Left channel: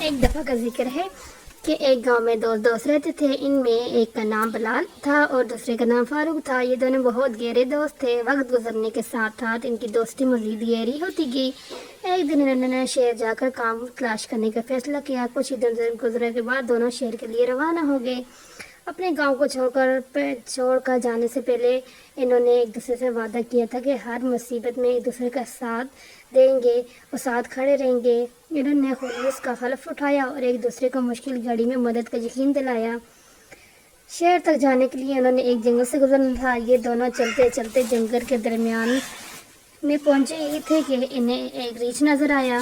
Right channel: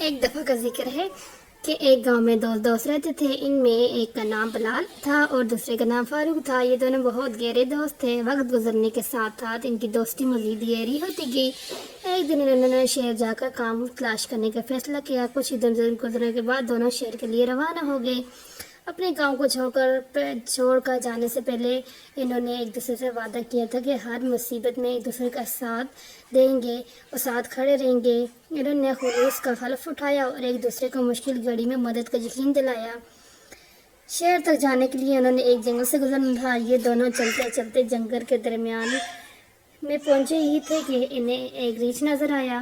ایک دفعہ کا ذکر ہے کہ ایک گاؤں میں دو دوست رہتے تھے۔ ان میں ایک کا نام بلال تھا اور دوسرے کا نام فاروق تھا۔ یہ دونوں بہت گہرے دوست تھے۔ وقت گزرنے کے ساتھ ساتھ ان کی دوستی مزید گہری ہوتی گئی۔ ایک دن انہوں نے شہر جا کر کام تلاش کرنے کا فیصلہ کیا۔ کچھ ہی دن گزرنے کے بعد دونوں شہر کے لیے روانہ ہو گئے۔ اپنے گاؤں کو چھوڑ کر جانے سے پہلے انہوں نے ایک دوسرے سے وعدہ کیا تھا کہ ہر مصیبت میں ایک دوسرے کا ساتھ دیں گے اور ساتھ کھڑے رہیں گے۔ انہوں نے خلوص کا حلف اٹھایا اور ایک دوسرے کو مشکل گھڑی میں مدد کا یقین دلایا۔ شہر تک جانے کے لیے انہوں نے ایک جنگل سے گزرنا تھا۔ یہ دونوں چلتے چلتے جنگل کے درمیان میں پہنچے ہی تھے کہ انہیں ایک ریچھ نظر آیا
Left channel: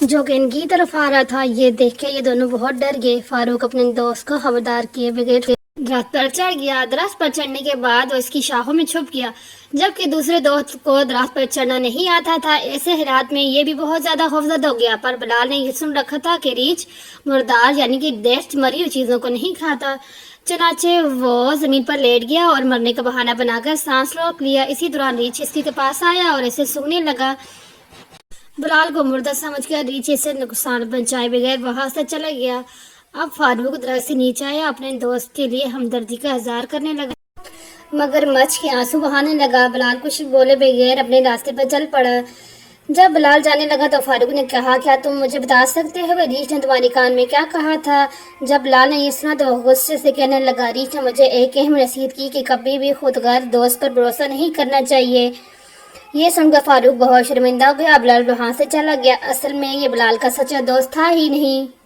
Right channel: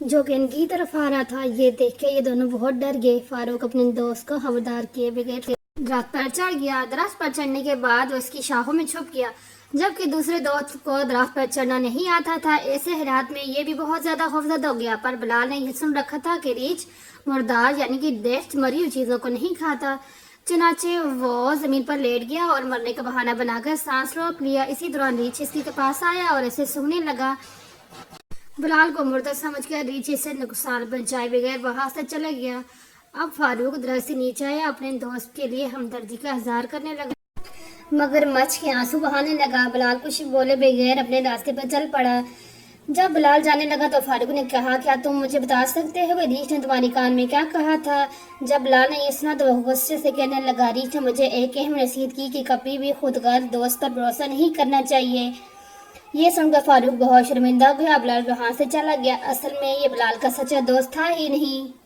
جو کہ ان کی طرف آ رہا تھا۔ یہ دیکھ کے یہ دونوں بہت ڈر گئے۔ فاروق اپنے دوست کو خبردار کیے بغیر درخت پر چڑھ گیا۔ درخت پر چڑھنے کے بعد وہ اس کی شاخوں میں چھپ گیا، جبکہ دوسرے دوست کو درخت پر چڑھنا نہیں آتا تھا۔ ایسے حالات میں یہ بھی بہت زیادہ خوفزدہ ہو گیا، پر بلال نے یہ سن رکھا تھا کہ ریچھ مردار یعنی کہ ڈیتھ مری ہوئی چیزوں کو نہیں کھاتا۔ چنانچہ وہ زمین پر لیٹ گیا اور مرنے کا بہانہ بنا کر سانس روک لیا۔ اسی دوران ریچھ اس کے پاس آیا اور اسے سونگھنے لگا۔ بلال کو مردہ سمجھ کر ریچھ سے نقصان پہنچائے بغیر وہاں سے چلا گیا۔ اب فاروق درخت سے نیچے آیا، اپنے دوست کے لیے ہمدردی کا اظہار کرنے لگا، مگر مچھ کے آنسو بہانے لگا۔ بلال کچھ بولے بغیر اپنے راستے پر چل پڑا۔ جب بلال جانے لگا تو فاروق نے کہا، کیا تم مجھے بتا سکتے ہو ریچھ نے تمہارے کان میں کیا کہا تھا؟ جب بلال نے یہ سنا تو وہ غصے سے کہنے لگا، ریچھ نے مجھے ایک اہم نصیحت کی کہ کبھی بھی خودغرض دوست پر بھروسہ نہیں کرنا چاہیے۔ یہ سن کر فاروق بہت شرمندہ ہو گیا۔ بلال وہاں سے چلا گیا۔ اصل میں یہ بلال کا سچا دوست تھا ہی نہیں۔